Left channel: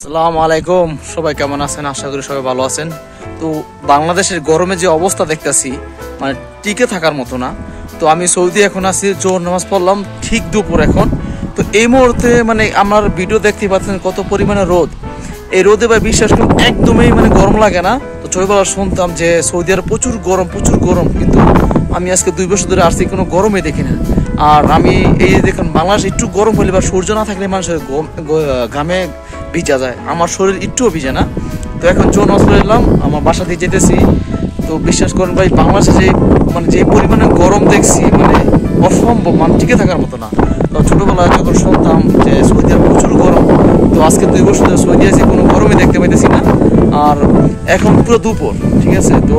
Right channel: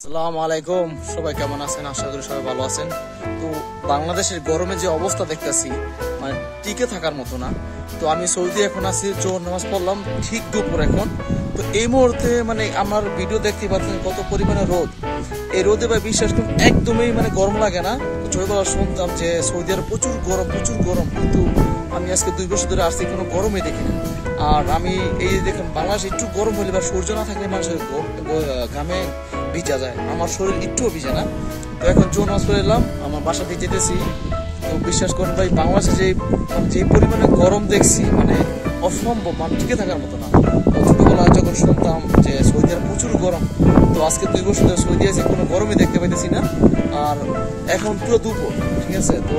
আসসালামু আলাইকুম, সবাই কেমন আছেন? আশা করি সবাই ভালো আছেন। তো বাংলাদেশের গরমে যে অবস্থা দেখতেছি, মানে টিকে থাকার মতো না। তো আমি সৌদি এখন আছি, জোহর নামাজ পড়লাম ঠিক দুপুর এখন। তো এই মুহূর্তে মানে আমার ভিডিও দেখতে পাচ্ছেন কত পরিমাণে রোদ। এই রোদে ভাই বিশ্বাস করুন একদমই মানে গরম লাগে না। তো ছোটবেলা শুনতাম যে সৌদি আরব প্রচুর গরম, কিন্তু আমি আজকে 2 বছর ধরে আসছি, কোনো গরমই দেখি না। আর আমি এই দেখুন বাংলাদেশ একটু গরম হলে বা সূর্য না থাকলে মানুষের ঘামে ভিজা যায়, আমার শরীর একটুও ভিজে না। তো এখন জোন হসপিটাল এলাম, আমার বাসা দিয়ে যেতেছি। তো বিশ্বাস করেন ভাই বাংলাদেশে যে পরিমাণে গরম দেখছি, মানে অসম্ভব, মানে টিকে থাকার মতো না। তো ছোটোবেলায় যখন শুনতাম যে সৌদি আরব প্রচুর গরম, তো আজকে 2 বছর ধরে সৌদি আছি, কোনো গরমই দেখতে পাইতেছি না। আর এখন পুরো দুপুর, ঠিক আছে। তো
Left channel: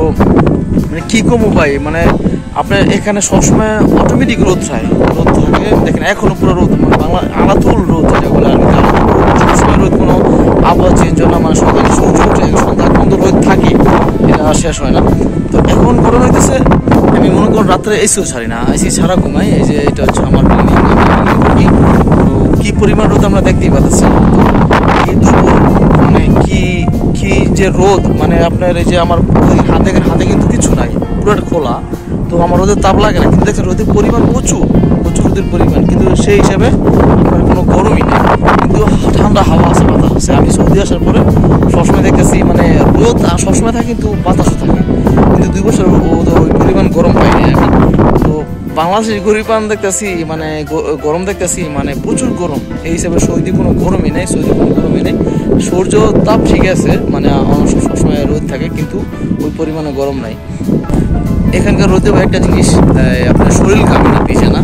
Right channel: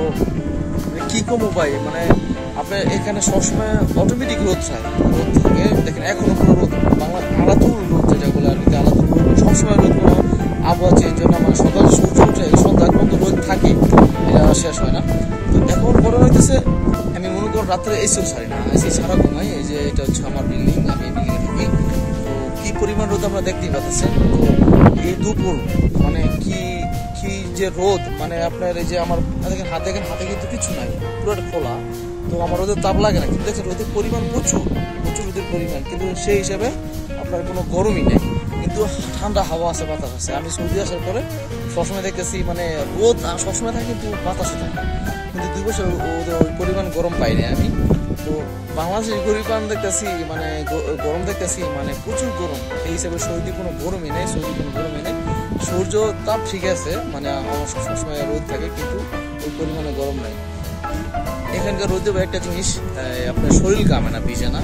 মানে কী কমো ভাই, মানে আপনার এখানে সবসময় অটোমেটিক রোদ থাকে। দেখেন এখনো পুরো রোদ, মানে বাংলা আলাতুল রোদ যেগুলো আর কি, সবসময় রোদ, কোনো আবহাওয়া চেঞ্জ হয় না। মানে সকালে সূর্য ওঠে, সন্ধ্যা পর্যন্ত রোদ থাকে, এটা শেষ হয় না। তো এখন গরম হইতেছে, আমি মনে করুন রাত্রে এসিও ছাড়ি না, এসি ছাড়া ঘুমাই। এই যে এটা হচ্ছে আমার বিল্ডিং, আমি বিল্ডিং থাকি। তো কী পরিমাণ রোদ আমরা দেখতেই পাচ্ছেন। তো এই দুপুর মানে কি যে রোদ, মানে আপনার এই যে আমার হাতে কিন্তু কিছু নাই, পুরো খোলা। তো আমার রোদের তাপ লাগে না, কিন্তু দেখছেন রোদের পরিমাণ প্রচুর রোদের পরিমাণ, কিন্তু সেই হিসাবে আপনার কোনো গরমই নেই, কিন্তু ঠান্ডা হাওয়া আছে, বাতাস আছে। আমি সৌদি আসার পরে সবসময় দেখতেছি মানে রোদ সবসময় থাকে, কিন্তু বাতাসও থাকে, কিন্তু 2 বছর ওই পরিমাণ গরম পাইনি আমি। তো বাংলাদেশের গরিবান দেখতেছি, মানে গরম দেখতেছি, মানে প্রচুর গরম। এই হিসাবে সৌদি কোনো গরমই নেই, সূর্য তাপ ঠিক আছে, মানে সবসময় রোদ থাকে, কিন্তু ওই পরিমাণে গরম নাই। এখানকার রোদে একটা জিনিস, আপনার শরীর ঘামে না, ভিজে না,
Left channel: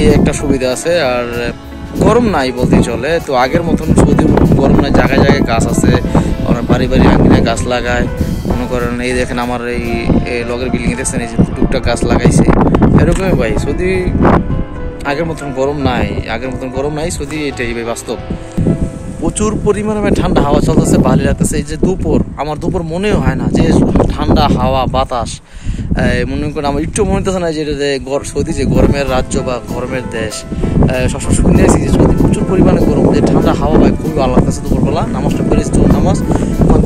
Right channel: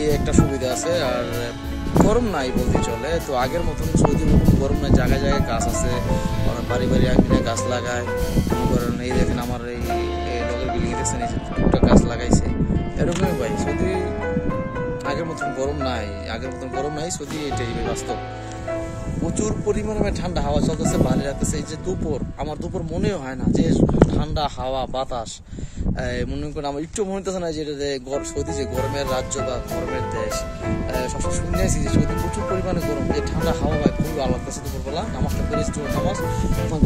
এই একটা সুবিধা আছে। আর গরম নাই বলতেই চলে। তো আগের মতন সৌদি গরম নাই, জায়গায় জায়গায় গাছ আছে, ওরা বাড়ি আঙিনায় গাছ লাগায়। মনে করেন এই দেখেন আমার এই লগের বিল্ডিংয়ে দেখছেন, এই যে টুকটাক গাছ লাগাইছে, এরকমই ভাই। সৌদি আগের মতন গরম নাই সৌদি, এটাই ভাই বাস্তব। প্রচুর পরিমাণে ঠান্ডা হাওয়া চলতেছে, ভালো লাগতেছে। এই যে আমার দুপুর মনেও হয় না যে ঠান্ডা হাওয়া বাতাস, মনে করেন আমার একটু মনে হতেছে না যে সৌদি যে গরমের রাজ্য বা গরমের দেশ। সবসময় শুনেছি যে সৌদি প্রচুর পরিমাণে গরম, যে ঠান্ডা হাওয়া ভাই খুবই ভালো লাগতেছে। দুপুরবেলা নামাজটা পড়েছি, নামাজ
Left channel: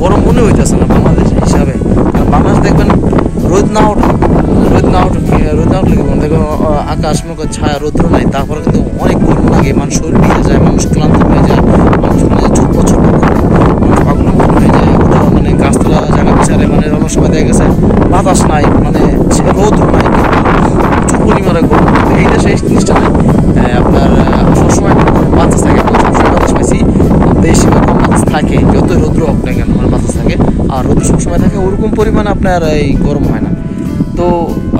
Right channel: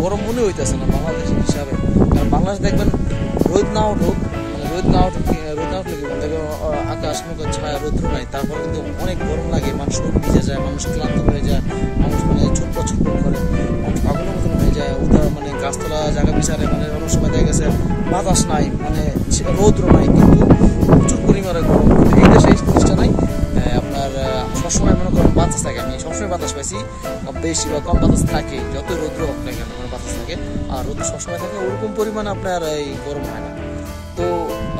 গরম মনে হইতেছে না বাংলাদেশ হিসাবে। কারণ বাংলাদেশ দেখবেন রোদ না উঠুক দেখবেন আকাশ মুখে ছায়া, রৌদ্র নাই, তারপরে কিন্তু অনেক গরম লাগে, মানুষ শরীর ভিজে যায়, মানুষ ক্লান্ত হয়ে যায়, মানুষ মানে ছোট পাগল হয়ে যায়। মানে গাছতলা জায়গা বিচারে, মানে অনেক সময় দেখা গেছে বাতাস নাই, মানে রৌদ্র নাই, কিন্তু প্রচুর পরিমাণে গরম। কিন্তু এই দেশে এই জিনিসটা নেই। আপনার সবসময় বাতাস থাকে, সবসময় বাতাস পাইছি, বেশি বা কম বাতাস থাকে, যতই রৌদ্র হোক না কেন, মানে বাতাস থাকে। আর রৌদ্র সবসময় থাকে, ওরকম পরিমাণে আপনার এই গরম হয় না। তো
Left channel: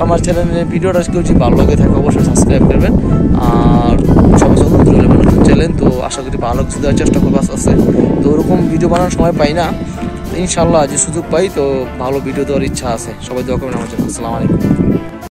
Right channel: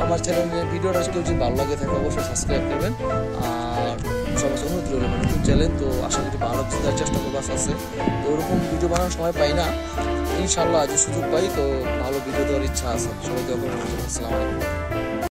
আমার চ্যানেলের ভিডিওটা যদি ভালো লাগে থাকে অবশ্যই সাবস্ক্রাইব করবেন। আর সবাই নতুন চ্যানেল, তো আশা করি ভালো কিছু দেওয়ার চেষ্টা করবো আছে। তো ওরকম ভিডিও বানানোর সময় পাই না, ইনশাল্লাহ যে সুযোগ পাই তো ভালো ভিডিও দেওয়ার ইচ্ছা আছে। সবাই দোয়া করবেন আমার জন্য। আসসালামু আলাইকুম।